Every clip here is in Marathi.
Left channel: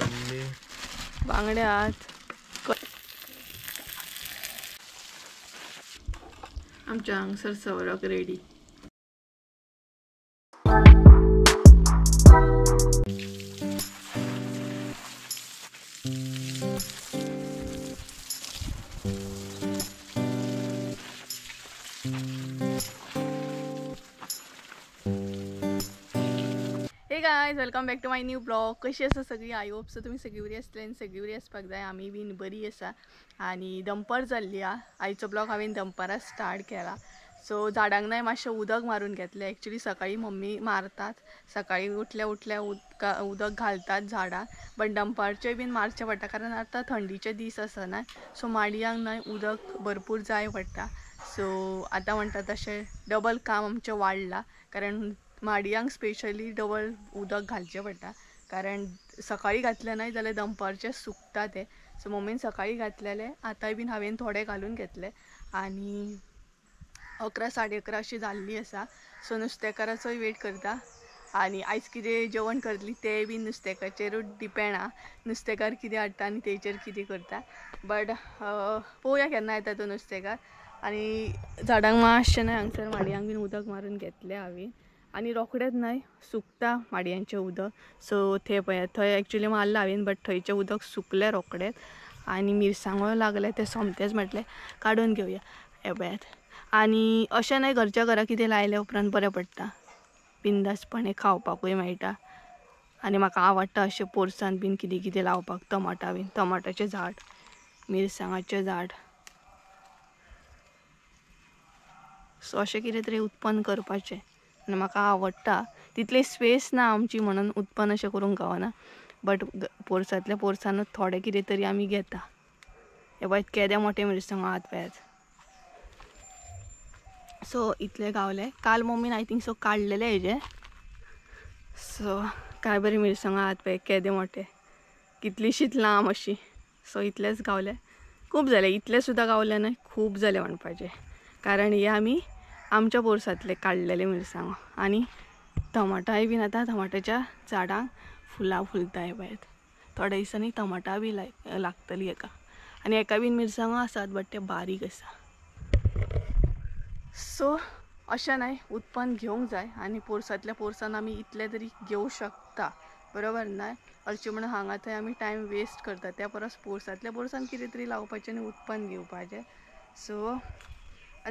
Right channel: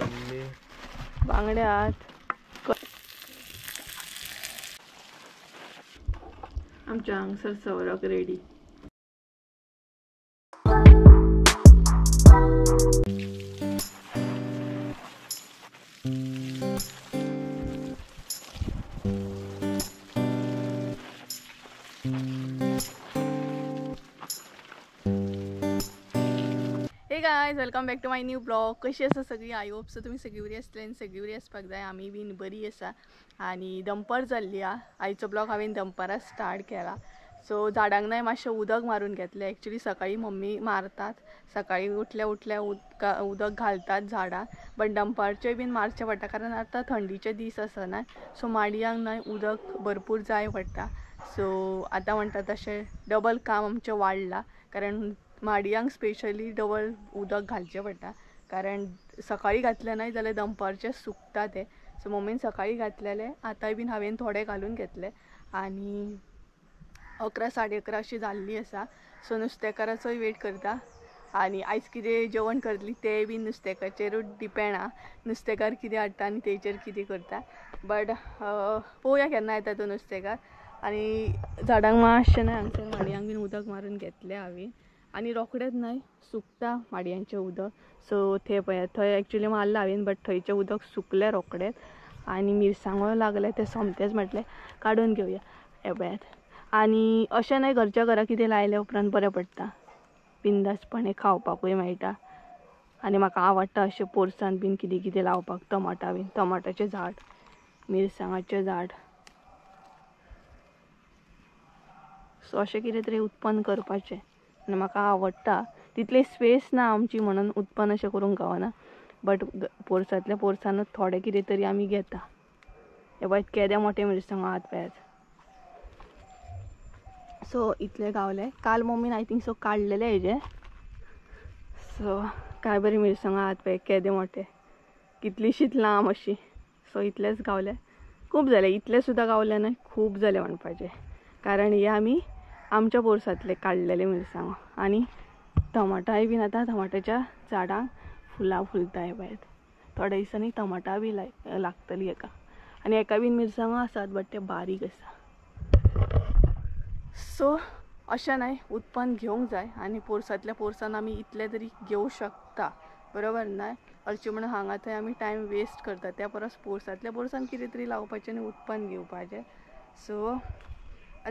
कल्ली बांगड्यात आमच्या हांगसर सवरक ready. Guys welcome back to my new blog. कशी आसा सगळी? आय होप सो तुम्ही सगळी बरी आसतली आनी सगळी बरी आसपाक जाय. आमी बीन बरी आसा आनी दनपार जाल्ली हा. आयचो ब्लॉग हांवें दनपारा स्टार्ट केला. सो झाडांक नाही मातशें उदक मारून घेतलें. एक्चुअली सकाळी मम्मी मारतात, सकाळी उठल्या उठल्या उदक घालतात झाडां, बट दनपारचें बीन मारचें पडटा कारण आतां थंडीचे दीस आसा ना, सो माडयांक न्हय उदक भरपूर जाय पडटा. सो आतां म्हणटा तशें डबल काम आमचें वाडलां कारण माडयांक स्पेशली डबल उदक घालचें पडटा कारण सकाळी घातलें न्हय जाल्यार दनपारचें सुकता तें. सो मम्मीन सकाळी घातलेलें, आतांय बीन हांवें थोडे घालून घेतले आनी 11 साडे 11 अशी जाल्ली आसा. सो नुस्तेकाराचोय वेट करता आनी आयज कितें जेवण करतली तें बीन नुस्तेकाचेरूच डिपेंड आहा, नुस्तेकार कितें हाडटा आनी तेचेर कितें करता. बट पळोवया केन्ना येता तो नुस्तेकार. आनी झाडांक मातशें न्हय हांगसर माडयांक बीन उदक मारून घेतलें हांवें आनी रोखडेंच न्हय सुकता माडयांचें उदक. सो थंय पळयात, थंय एक्चुअली मारलां हांवें बट थंयचें उदक सुकलें रोखडेंच आनी मिरसांगो लागले ते सोमतेच म्हटलें काडून घेवया. हे पळयात, आनी अशें न्हय घरच्या घरा कितें लायल्या उपरांत बरें पडटा, बिंदासपणे खावपाकूय मेळटा आनी म्हाका आवडटा अशें पोरसांत बीन कितें कितें लावपाक. टमाटा बीन, टमाटाचें झाड, मिरसांगाचें झाड, सो अशें कितें तरी उत्पन्न करपाचें आनी म्हाका आवडटा. तितली स्पेस ना आमची म्हणून उत्पन्न अशें करूंक गावना, बट पोरसांतल्या पोरसानूच थोडें कितें तरी आमी घेता. हे पळयत केदे मोठे मिरसांगो आहात पळयात. सो इतले गावले. काल मम्मीन आय थिंक सो काडलेले हेजे. सो काय बरी मिरसांगो आहात पळय, केदे मोठे, कितलीशीच लांब अशी. सो इतलेच गावले. खूब जाले, इतले सुद्दां गावले न्हय, खूब जाले म्हणपाचे कारण हे आमी आमच्या पोरसांतले काडलेले मिरसांगो. आनी टमाटाय बीन आतां टमाटाच्या झाडांक फुलां फुलता. हे पळयात, थोड्या दिसांनी टमाटा बी लागतली हेका. आनी हेका बीन मिरसांगो आसात बट ते बारीक आसा. सो अशें न्हय उत्पन्न घेवंक जाय आनी पोरसांतल्या पोरसान आमी इतले तरी घेवं शकता, बरोबर न्हय? हरशीं म्हणून हांगा थंय आमी टायम वेस्ट करता, त्या परस पोरसांतल्या पोरसान कितें तरी लावपाचें आनी उत्पन्न घेवपाचें. सो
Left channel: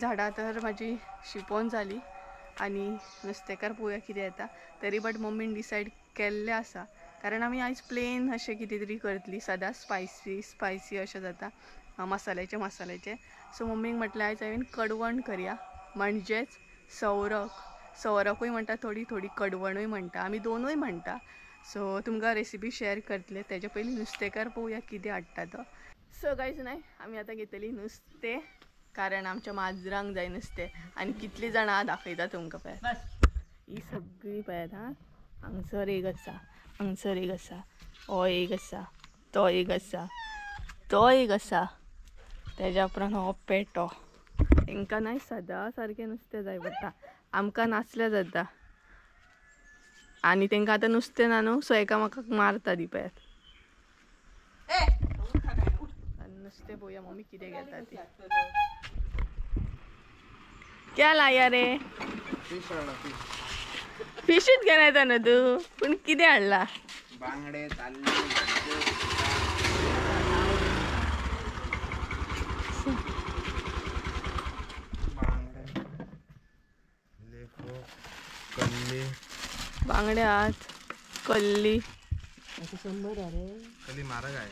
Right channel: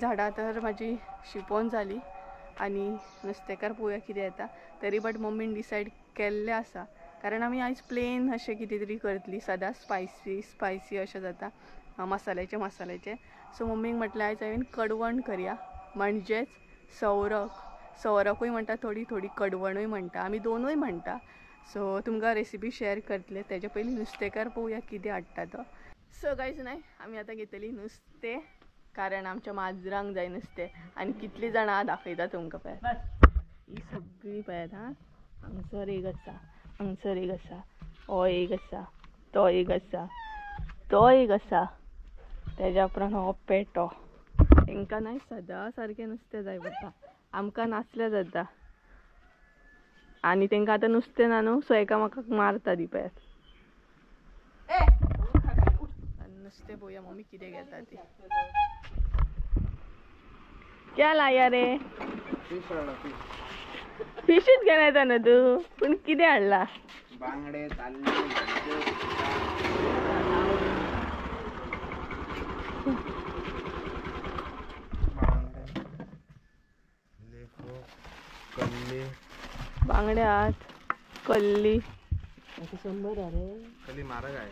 झाडां तर म्हाजी शिंपोवन जाली आनी नुस्तेकार पळोवया कितें येता. तरी बट मम्मीन डिसायड केल्लें आसा कारण आमी आयज प्लेन अशें कितें तरी करतली. सदांच स्पायसी अशें जाता, मसाल्याचें. सो मम्मीक म्हटलें आयज हांवें कडवण करया, म्हणजेच सवरकूय म्हणटा, थोडी कडवणूय म्हणटा, आमी दोनूय म्हणटा. सो तुमकां रेसिपी शेअर करतले. तेच्या पयलीं नुस्तेकार पळोवया कितें हाडटा तो. सो गायज न्हय आमी आतां घेतली नुस्तें कारण आमच्या माजरांक जाय नुस्तें आनी कितलीं जाणां दाखयता तुमकां. पळयात ही सगळीं पळयात हां. हांगसर एक आसा, हांगसर एक आसा, हो एक आसा, तो एक आसा, तो एक आसा, तेज्या उपरांत हो पेटो. तांकां न्हय सदां सारकें नुस्तें जाय पडटा, आमकां नासल्यार जाता आनी तांकां आतां नुस्तें ना न्हू, सो एकामेकाक मारता ती. पळयात नुस्तें पळोवया मम्मी कितें घेता ती. क्या लाया रे? फिशच घेऊन येता ना तू, पण कितें हाडला? बांगडे, ताल्ले, लेफो, कल्ली बांगड्यात कल्ली. कल्ली मारग आहे.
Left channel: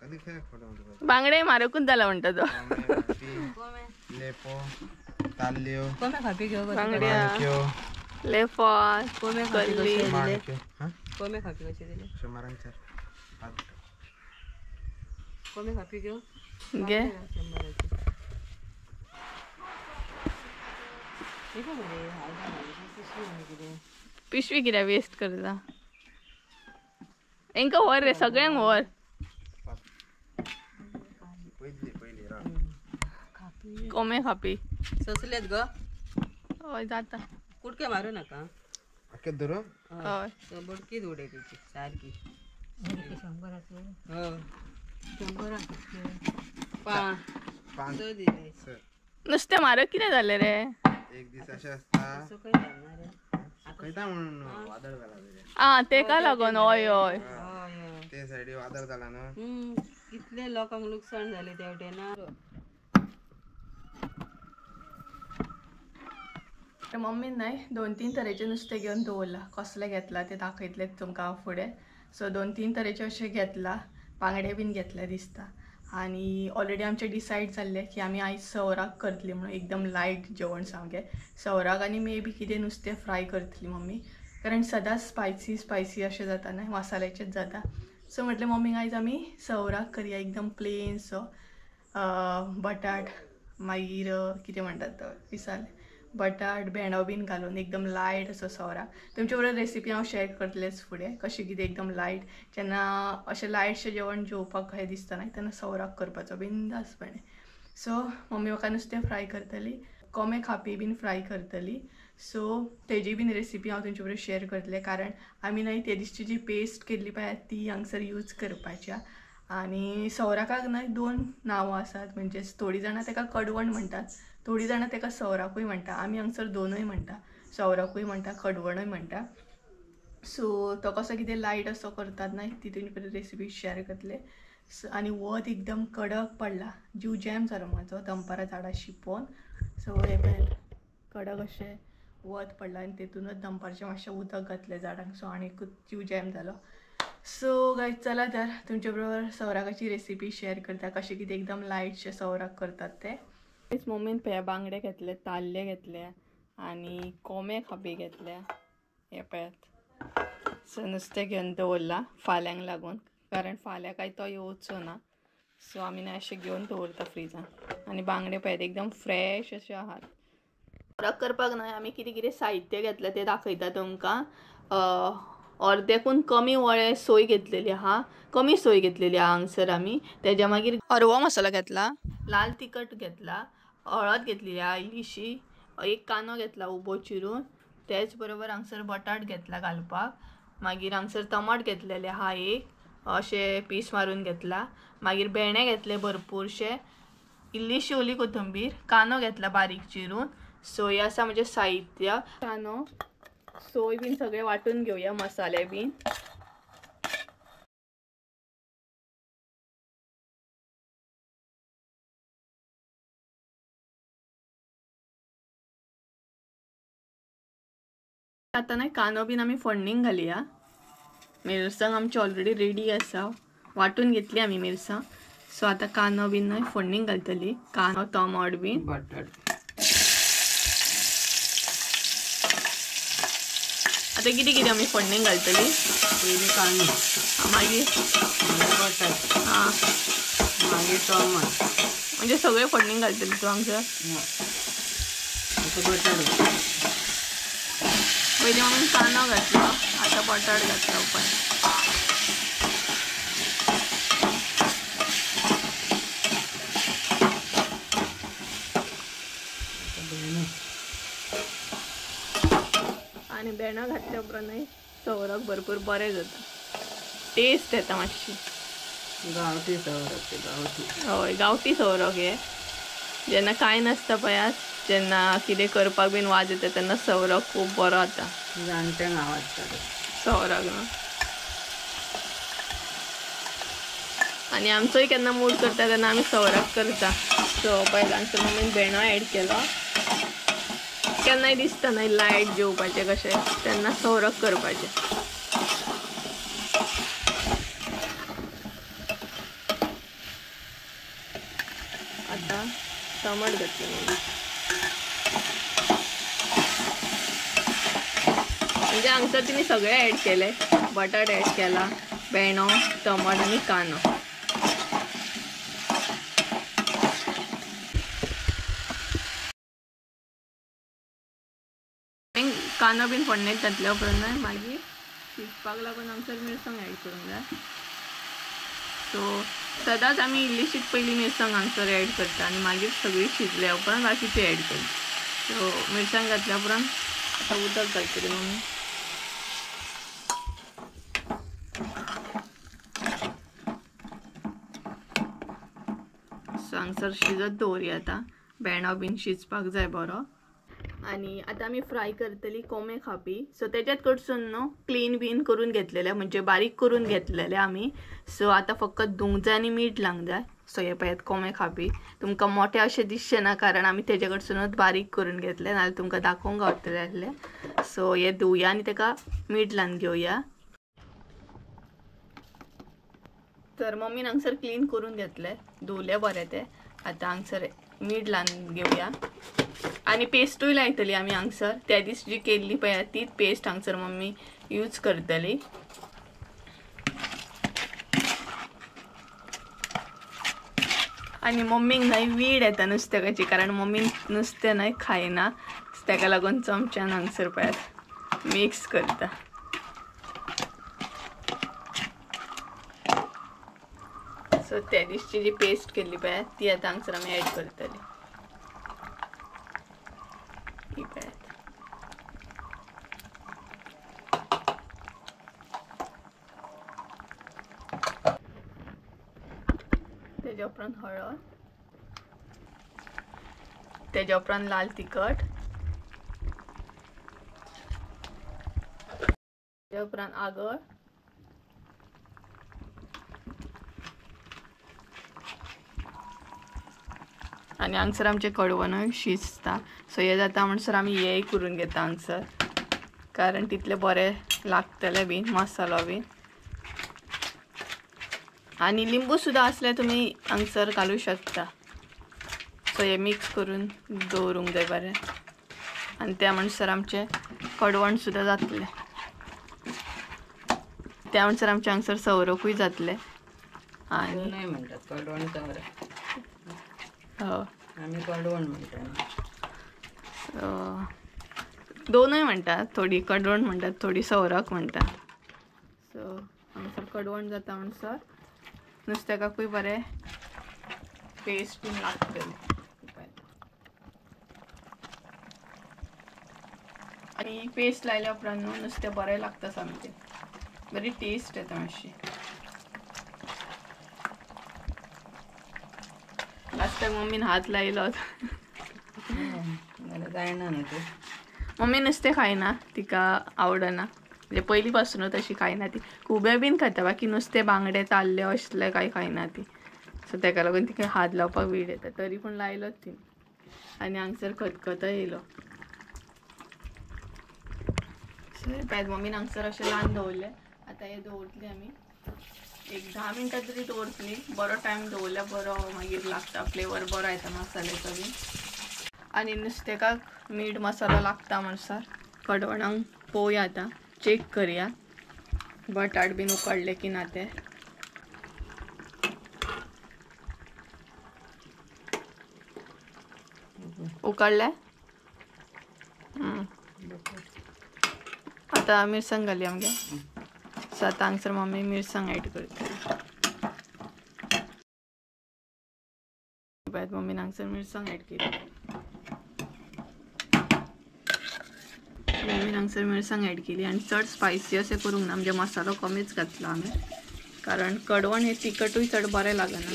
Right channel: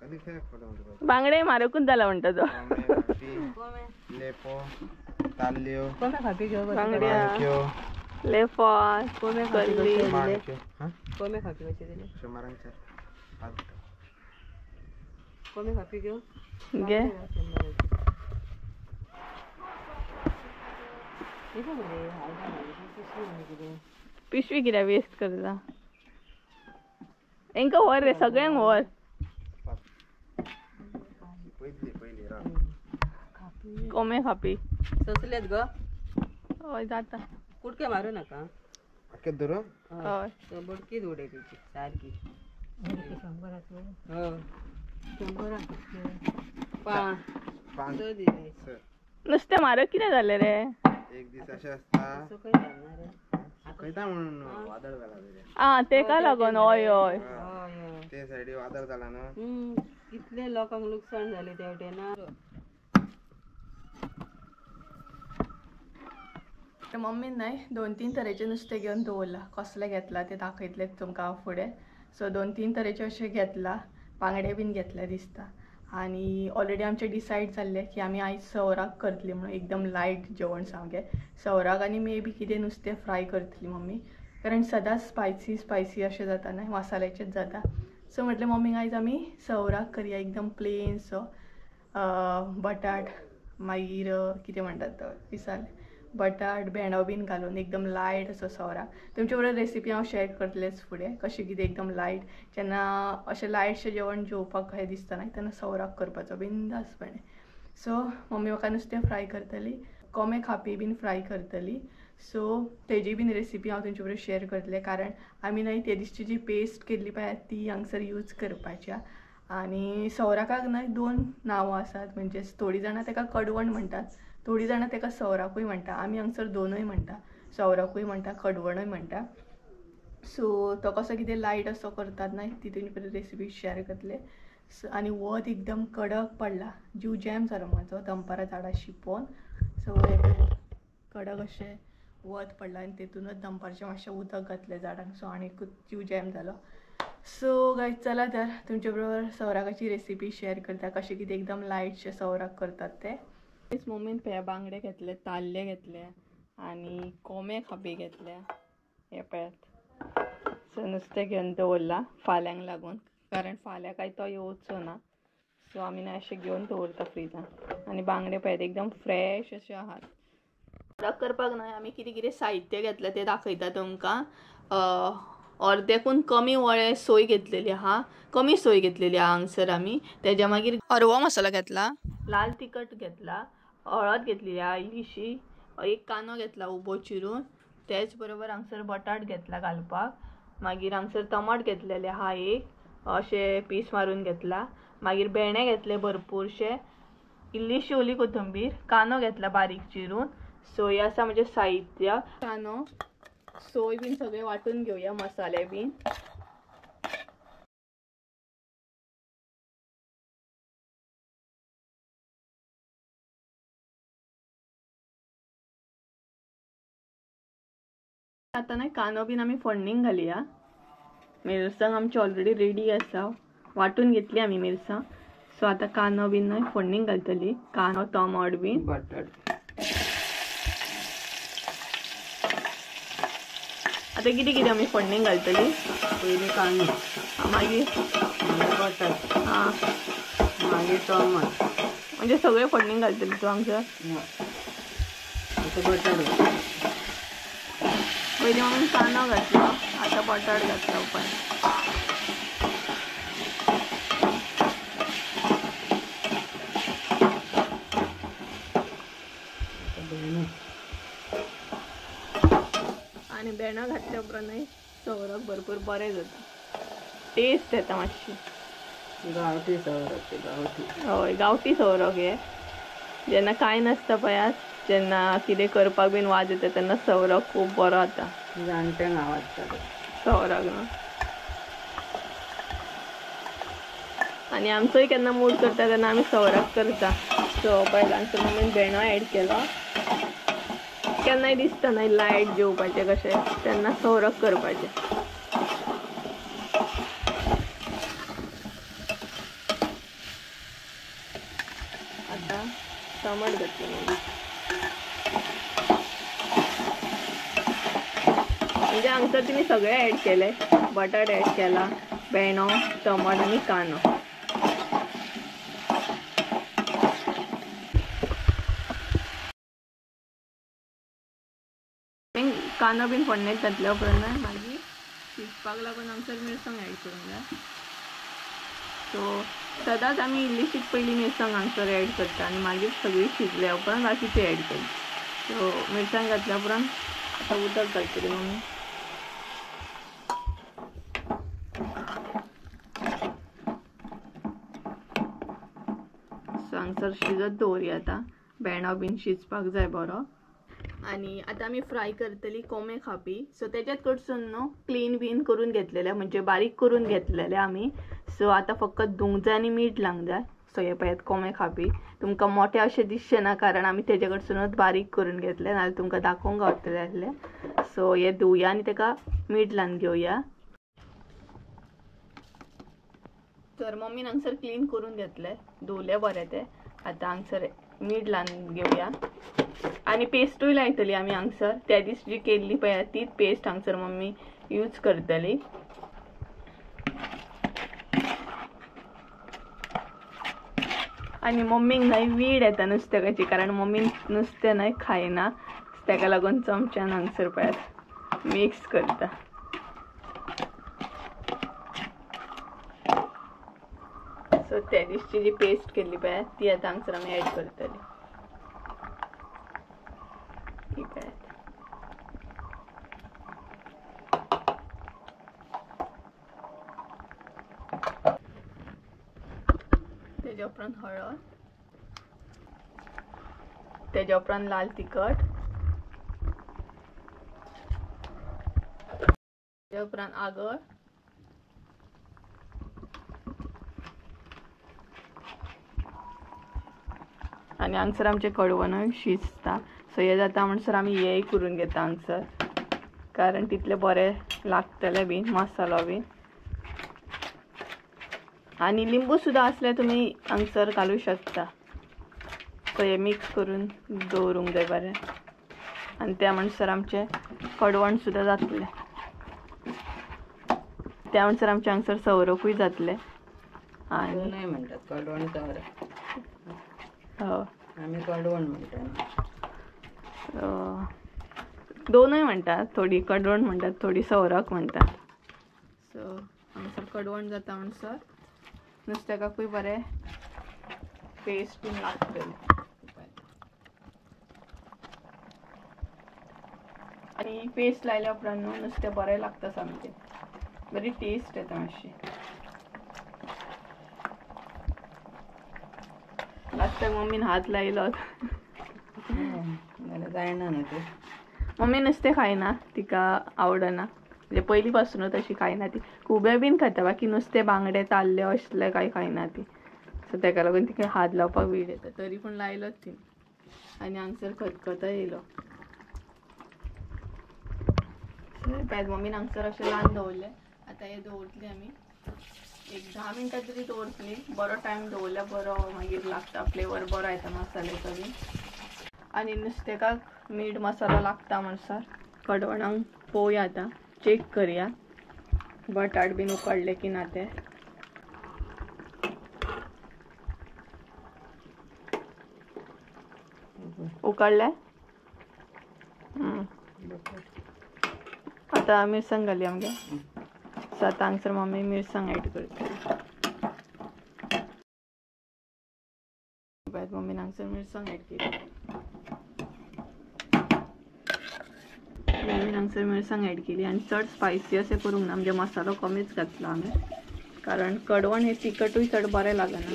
कल्ली खेळ खोटं बांगडे मारकूच जाला म्हणटा तो. लेफो, ताल्ल्यो, बांगड्या, लेफो, कल्ली. माणक्यो. हां कोमे खापी कशे दिले? 100 कोमे खापी घेऊ घे. पिशवी कित्याक वेस्ट करता? हेंका व्हर रे, सगळ्यांक व्हर. कोमे खापी ससलेत ग. हय जाता. कुडके मारू नका. अख्खे धरू. हय बडकीच उडय त्याची सारखी. नुसते मारक किती झाले रे? एक दिवस असे असता खैता म्हणून वादळ झाला रे. ते का लागून? होय होय ते साइडी वादळ झाला ना. कितले लोकांक नुकसाण झाले तेवढे ना. मम्मीन नाही 2-3 तरेचे नुस्तें घेवन दवरला. कसले घेतला ते दाखयतले तुमकां फुडें. सो 2-3 तरेचे अशें घेतला. बांगडे बीन घेतले दिसता. आणि ऑलरेडी आमचे डिसायड जाल्ले की आमी आयज सवराक करतली म्हणून एकदम लायट जेवण सामकें. सवराक आनी मे बी कितें नुस्तें फ्राय करतली मम्मी. कारण सदांच स्पायसी अशें जाता न्हय, मसाल्याचेच जाता. सो म्हटलें मम्मीक आयज आमी सवराक करया एकदम प्लेन सो. बटाट मागीर कितें म्हणटात तो विसरलें. बटाट भेंडो बीन घालून एकदम लायट असो सवराक. तुमचे बरोबर रेसिपी हांव शेअर करतलेच फुडें कशें कितें एकदम लायट. जेन्ना अशें लायटशें जेवण जेवपाक कशें दिसता न्हय तेन्ना सवराक करपाचो बिंदासपणे. सो मम्मी म्हाका नुस्तें फ्राय करतली, कोंबे खापी बीन फ्राय करतली. सो तेजी बीन रेसिपी हांव तुमचे बरोबर शेअर करतलें. कारण आमी न्हय ते दिसची जी पेस्ट केल्ली पळय ती हांगसर यूज करपाच्या. आनी सवराकाक न्हय 2 नांवां आसात. म्हणजे थोडीं जाणां तेका कडवण म्हणटात, थोडीं जाणां तेका सवराकूय म्हणटा. आमी हांगसर दोनूय म्हणटा, सवराकूय म्हणटा कडवणूय म्हणटा. सो तो कसो कितें लायट असो करतात न्हय ती तुमचे रेसिपी शेअर करतले. आनी वत एकदम कडक पडला. जीव जॅम जालो म्हाजो दनपारां झाडां शिंपोवन. सो कडक अशें वत पडला आनी तेतूनच दनपारचें मातशें उदक घातलें झाडांक. सो आनीकूच जीव जॅम जालो. सो गायज चला तर तुमचे बरोबर सवराकाची रेसिपी शेअर करता कशें कितें एकदम लायटशें सवराक करतात ते. मम्मीन पळया बांगडे घेतले, ताल्ले घेतले आनी कोंबे खापे घेतले. हे पळयात. सो नुस्तें घेवन दवरला फाल्यांक लागून. कारण फाल्यां काय तो येवचो ना. सो आमी अशें घेवन दवरता फ्रिजान. आनी बांगडे पळयात एकदम फ्रेश अशे आहात. सवराक करपाक न्हय आमी कितें कितें साहित्य घेतलें तें दाखयता तुमकां. अर्देकून कमी वळे सोय घेतलेली आहा, कमी सोय घेतलेली आहा हांगसर आमी. तेज्या मागीर हरवो मसालो घेतला, लाल तिखट घेतला, हळद घेतली इल्लीशी, एक कांदो घेतला उबो चिरून. तेच बरोबर हांगसर बटाट घेतला घालपाक. मागीर हांगसर टमाट घेतलेले आहा एक अशे पीस मारून घेतला. मागीर भेंडे घेतले भरपूरशे, इल्लीशी ओली कोथंबीर, कांदो घेतला बारीक चिरून. सोय आसा म्हणजे साहित्य. कांदो सोय बीन सगळे वाटून घेवया मसाले बीन. आता नाही कांदो बीन आमी फोडणीक घालया. मिरसांग आमची ऑलरेडी रेडी आसा, वाटून घेतली आमी मिरसांग. सो आता कांदो बीन न्हय फोडणीक घालतली. कांदो टमाट बीन बटाट आता कितें कितें आमी फोडणीक घालतली. पयलीं कांदो, मागीर बटाट, हां मागीर टमाट, म्हणजे सगळे फोडणीक घालतली तूं हांगसर. आता बटाट पयलीं आमी कांदो घातलो, आता बटाट घातलो पण. आनी भेंडो घातल्या उपरांत न्हय सवराक भरपूर बरें जाता, टेस्ट येता मातशी. गांवठी सवराक, गांवठी. हय गांवठी सवराक हे. जेन्ना कांय नासता पळयात, जेन्ना कितें करपाक बीन वाज येता तेन्ना सवराक खूब बरो जाता. जाणट्यांक आवडटा सवराक न्हू. आनी आमचोय केन्ना मूड करता तेन्ना आमी सवराक करता. सो पळय हांगसर मम्मीन भेंडो एड केलो. केन्नाय दिसता न्हय लायट जेवपाचें कशें तेन्ना सवराक करपाचें. आता टमाट घातली म्हणजे हांगसर तिने सगळे ॲड केले. बटाट ॲड केला, भेंडो, टमाट आनी कांदो. कांदो बीन फोडणेक घातल्या उपरांत मागीर शिजपाक लागून हांगसर मिरसांग ॲड करूंक जाय. सो सदांच आमी इल्लीशीच पयलीं मिरसांग हांगसर ॲड करता आनी मागीर सगळी शिजल्या उपरांत बाकीची ॲड करता. सो मिरसांग घातल्या उपरांत आतां उदक घालतली मम्मी. हांगसर शिजत दवरया आता भेंडो बीन शिजपाक जाय बरो. आणि आता आम्ही फ्राय करतली कोंबे खापी. सो त्याच्यात कडसून न्हू क्लीन बीन करून घेतलेले म्हणजे बारीक करून घेतलेले आम्ही. सो आता फक्त धुंक जाय आणि मीठ लावंक जाय. सो हे पळयात कोंबे खापी तुमकां मोठे अशें दिसचे ना कारण आम्ही तेजे कडसूनच बारीक करून घेतले नाल्यार तुमकां दाखोवंक गावतले आसले. सो हे धुवया आणि तेका मीठ लावन घेवया. तर मम्मीन हांगसर क्लीन करून घेतले धुवले बरे ते. आता हांगसर मीठ लावन घेवया आणि पेस्टूय लायतली आमी हांगसर. त्या दिस जी केल्ली पळय तीच पेस्ट हांगसर मम्मी यूज करतली. आणि मम्मीक न्हय वीड येता नुस्त्याची कारण मम्मी नुस्तें न्हय खायना. ताका लागून चमच्यान हांगसर पळयात मिक्स करता. सो त्या दिसची जी पेस्ट केल्ली पळय ती आता हांगसर आमी ऍड करतली. तेज्या उपरांत हळद, तेज्या उपरांत लाल तिखट, तेज्या उपरांत आगळ, आणि हांगसर आमचे कडवणूय शिजता. सो हे जाता म्हणसर आमी हेय करून घेता हांगसर कारण तितले बरे लागतले बीन मसालो बीन. आणि लिंबू सुद्धा असल्यार तुम्ही हांगसर घालू शकता. सो हे मिक्स करून दवरूंक जाय बरें आणि त्या म्हणसर आमचे कडवण सुद्धा जातले. त्या म्हणसर आमचे हांगसर सवरकूय जातले. आणि नाही म्हणतात कडवण सवरक. हो आम्ही कडवण म्हणतात. दोनूय म्हणतात. थोडी कडवण म्हणतात थोडी सवरक म्हणतात. सो हांगसर कडवण जाता म्हणसर नुस्त्याकाकूय बरें पेस्ट बीन लागतली. आणि पेस्ट लायल्या उपरांत न्हू नुस्तें बरें लागता सामकें. बरी टेस्ट येता मातशी. लास्ट टायम मम्मीन हात लायलो जायना न्हू ते. मम्मी नुस्तें खायना तिका आवडना म्हणजे पयली पासूनच अशी खायना ती. खुबे बीन खाता बाकी नुस्तें बांगडे ताल्ले असले कांय खायना ती. सो ताका लागून तिका हात लावपाक वीड येता. तरी पूण लायलोच ती आणि हांगसर खतखतो येयलो. सो मम्मीन हांगसर अशें लावन दवरले. आतां हे दवरतली आमी एक 10 मिनटां तरी दवरतली. बरो टायम दवरल्यार बरो मागीर लागता फ्लेवर बरो येता मसाल्याचो बी. आणि नुस्तेकाक मीठ मसालो लागता म्हणसर कडवणांक पळोवया आतां चेक करया बटाट बीन उकडले की ना ते. उकडले. आता मिरसांग घालया आमगे. सो आतां हांगसर मम्मी मिरसांग ऍड करता. मम्मीन हांगसर मिरसांग ऍड केली. मम्मीन हांगसर मिरसांग ऍड केली आणि चड स्पायसी अशें करूंक ना म्हणजे मसालो कमीच घातलो आमी कारण कडवण हे तिखटूय चड बरें लागना.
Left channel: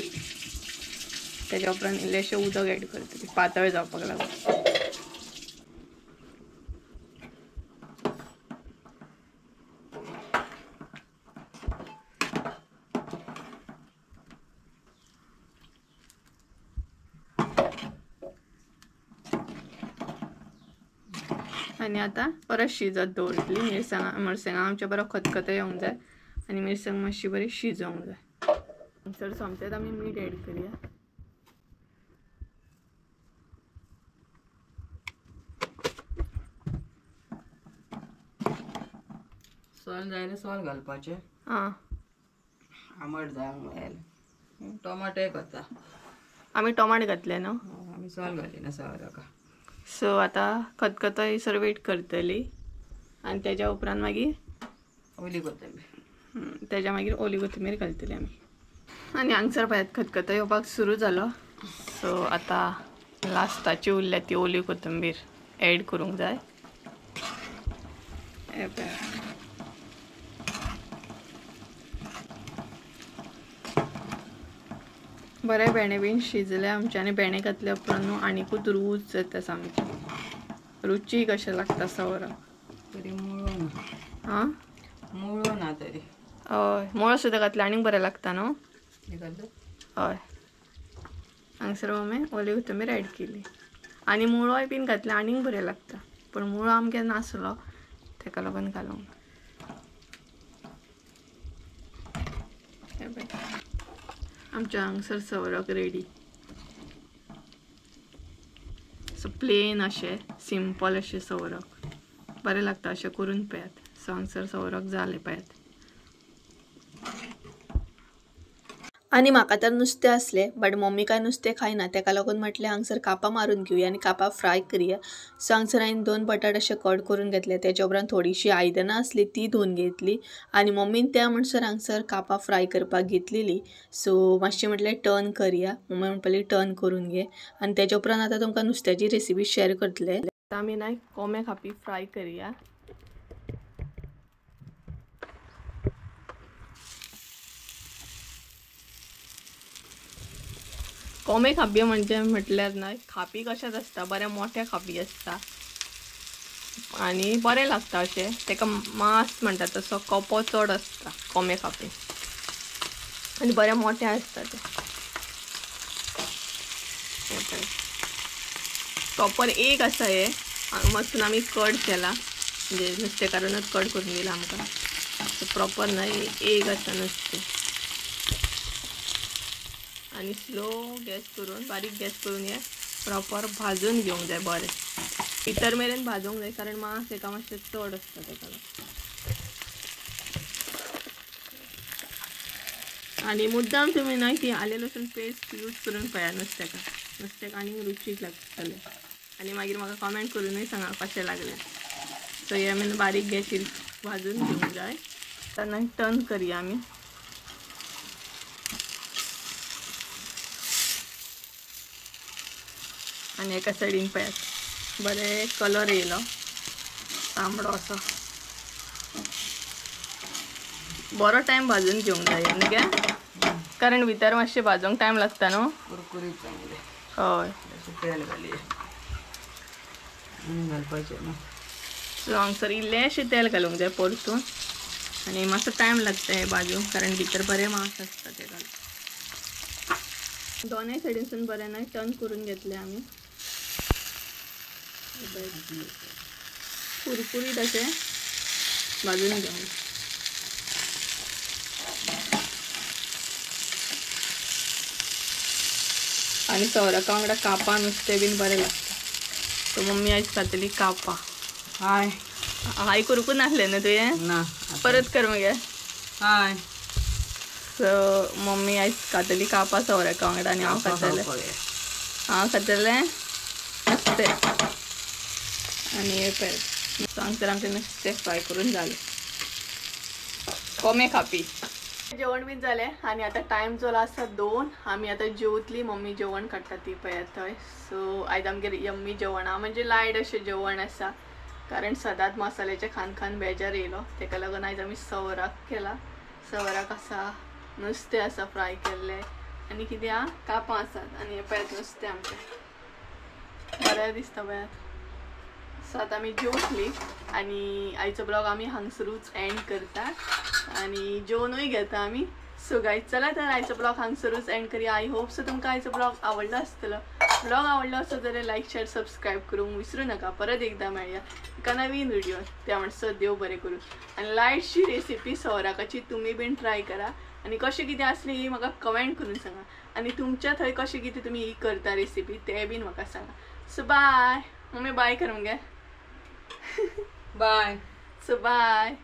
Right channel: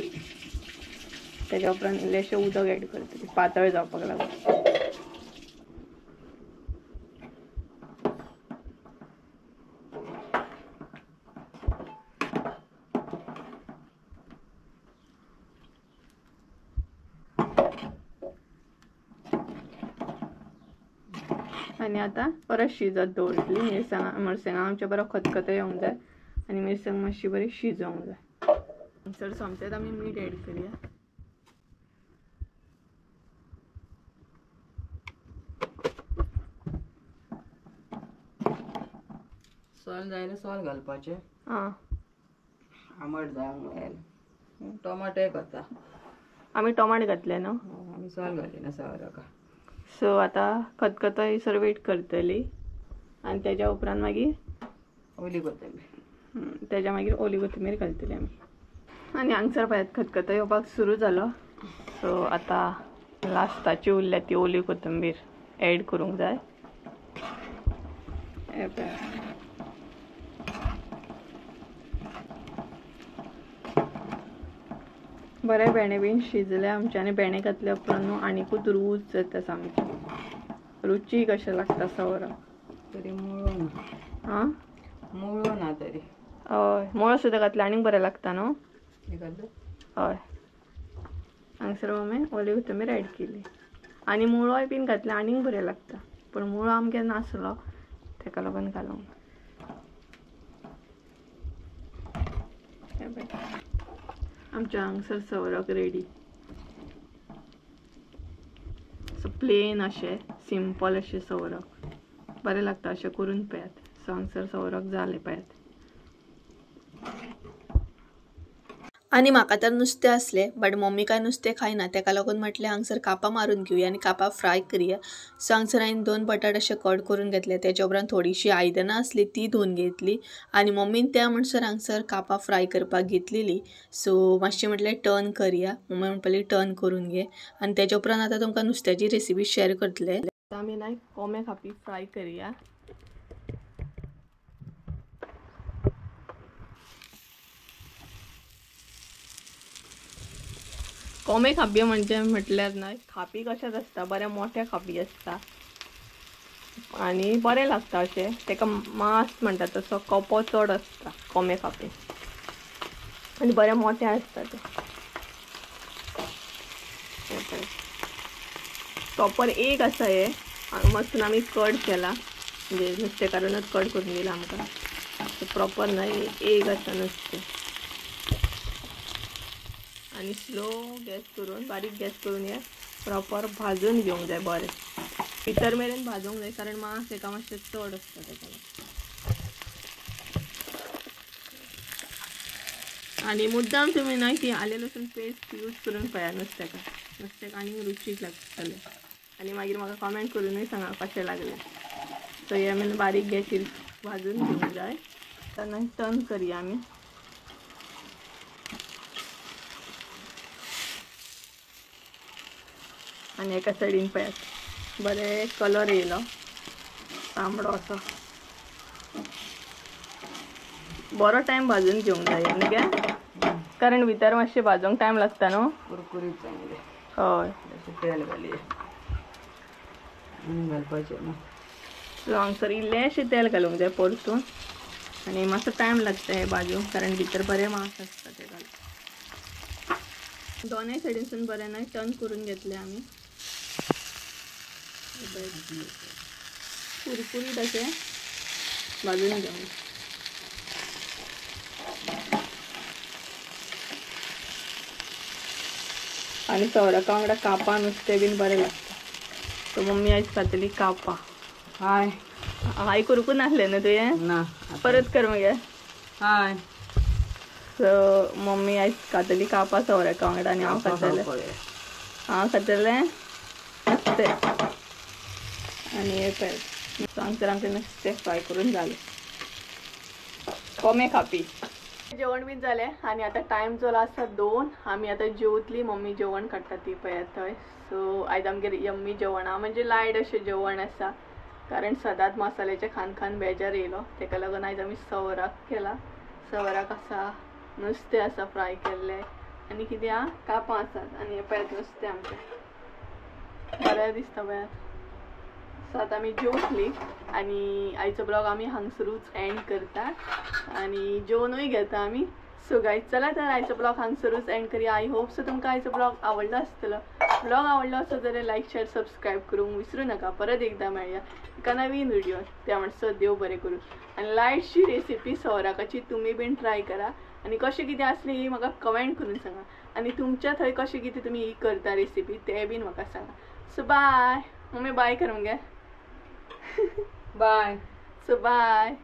तेज्या उपरांत इल्लेशें उदक ऍड करतली पातळ जावपाक लागून. आणि आता परत शिजत दवरतली. मिरसांगा आमचे बरो खतखतो येवंक जाय आणि मिरसांग मातशी बरी शिजोवंक जाय. चड सोमतेच आमी मीठ ऍड करया. सोल जाय जाल्यार सोल घालपाचें. आंबट जावंक जाय. टोमाटोय घालता आमी टोमाट घातले न्हू. आमी सोल घालिना सवरका. सो आता खतखतो येयसर वेट करतली आणि तेज्या उपरांत मागीर ओली कोथंबीर. तेज्या मागीर ओली कोथंबीर घालतली आमी. आणि हांगसर पळयात खतखतो येवपाक सुरू जालो. सो आतां लास्टाची उरल्या ती ओली कोथंबीर ऍड करूंक जाय. बरे भेणे बीन शिजले आमचे आनी भेणे घातले उपरांत न्हू आनीकूच रूच जाता सामकी रुची कशें लागता सवरा तरी मुळो ना हां मुळो ना तरी हय मुळो सुद्दां घातले आनीक बरें लागता न्हू हे घातलं हय हांगसर मम्मी ओली कोथंबीर ऍड केली आनी मुळोय बीन घातले आनीक बरें लागता पूण मुळो आमगे नासलो तेका लागून घालूंक आमच्या हांगसर सवरक रेडी सो प्लेन अशें सिंपल अशें सवरक बरें लागता अशें करून पळयात सो हांगसर सवरक जालें पळयात आनी म्हाका तर नुस्तें आसलें बट मम्मी काय नुस्तें खायना तेका लागून म्हटलें हांगसर कापां मारून घेवया आनी कापां फ्राय करया सो हांगसर हांवें 2 बटाट अशें कट करून घेतले तेच्या उपरांत थोडीशी आयदनां आसली ती धुवन घेतली आनी मम्मीन त्या म्हणसर हांगसर कापां फ्राय करपाक घेतलेली सो मातशें म्हटलें टर्न करया मम्मी म्हणपाली टर्न करून घे आनी तेच्या उपरांत आतां तुमकां नुस्त्याची रेसिपी शेअर करतले आतां आमी ना कोंबे खापी फ्राय करया कोंबे खापी म्हणजे म्हटल्यार ना खापी कशाच आसता बऱ्या मोठ्या खापी आसता आनी बरें लागता अशें तेका मांस म्हणटा तसो कोपो चड आसता कोंबे खापी आनी बरें मोठे आसता ते प्रॉपर एक आसा हे मस्तून आमी कट केला म्हणजे नुस्तेकारूनच कट करून दिला आमकां प्रॉपर ना एक आसा नुस्तें आणि स्लो गॅस करून बारीक गॅस करून हे प्रॉपर भाजून घेवंक जाय बरें भितर मेरेन भाजूंक जाय कारण मांस एका मातशें चड आसता तेका आनी मुद्दाम तुमी ना ती आले लसूण पेस्ट यूज करून पळया नुस्तेक आनी रुचीक लागतलें आनी मागीर म्हाका कमेंट करूनय सांगा कशें लागलें सो हे आमी बारीक गॅसीर भाजून घेवंक जाय तेन्ना टर्न करया आमी आनी एका सायडीन पळयात बरें कलर येयलो तांबडो असो बरो टायम भाजून घेवंक जाय न्ही गे कारण भितर मातशें भाजूंक टायम लागता न्हू कुरकुरीत चांगले हय तेल घालया घालपाचें न्हू सो हांगसर इल्लेशें तेल घालूंक जाय परतून आनी मातसो टायम लागता हें भाजूंक कारण भितर बरें मांस आसता तें घालून दोनूय सायडीनसून बरें ना टर्न करून घेतलें आमी कुरकुरीत अशें भाजून घेवंक आनी सवराका वांगडा कापां नुस्तें बीन बरें लागता सो मम्मी आयज खातली कापां हाय हाय करूंकूच नासलें न्हू तुवें ना परत कर मगे हाय सो मम्मी आयज खातली कापां सवराका वांगडा आनी हांव खातलें नुस्तें आनी हे पळय हांगसर आमचें नुस्तें फ्राय करून जालें कोंबे खापी जेवण बीन जालें आनी आतां टायम जालो आसा 2 आमी आतां जेवतली मम्मी जेवण काडटा ती पळयात थंय सो आयज आमगेर यम्मी जेवण आहा म्हणजे लायट अशें जेवण आसा कारण सदांच मसाल्याचें खान खान बेजार येयलो तेका लागून आयज आमी सवराक केला सवराक आसा नुस्तें आसा फ्राय केल्लें आनी कितें आहा कापां आसात आनी हे पळयात नुस्तें आमचें बरें दिसता पळयात सो आतां आमी जेवतली आनी आयचो ब्लॉग आमी हांगसरूच एंड करता आनी जेवणूय घेता आमी सो गायज चला तर आयचो ब्लॉग हांगसरूच एंड करूया आय होप सो तुमकां आयचो ब्लॉग आवडलो आसतलो ब्लॉग आवडलो आसत जाल्यार लायक शेअर सबस्क्रायब करूंक विसरूं नाका परत एकदा मेळया एका नवीन व्हिडिओ त्या म्हणसर देव बरें करूं आनी लायटची रेसिपी सवराकाची तुमी बीन ट्राय करा आनी कशें कितें आसली ही म्हाका कमेंट करून सांगा आनी तुमच्या थंय कशें कितें तुमी ही करता रेसिपी ते बीन म्हाका सांगा सो बाय मम्मी बाय कर मगे बाय सो बाय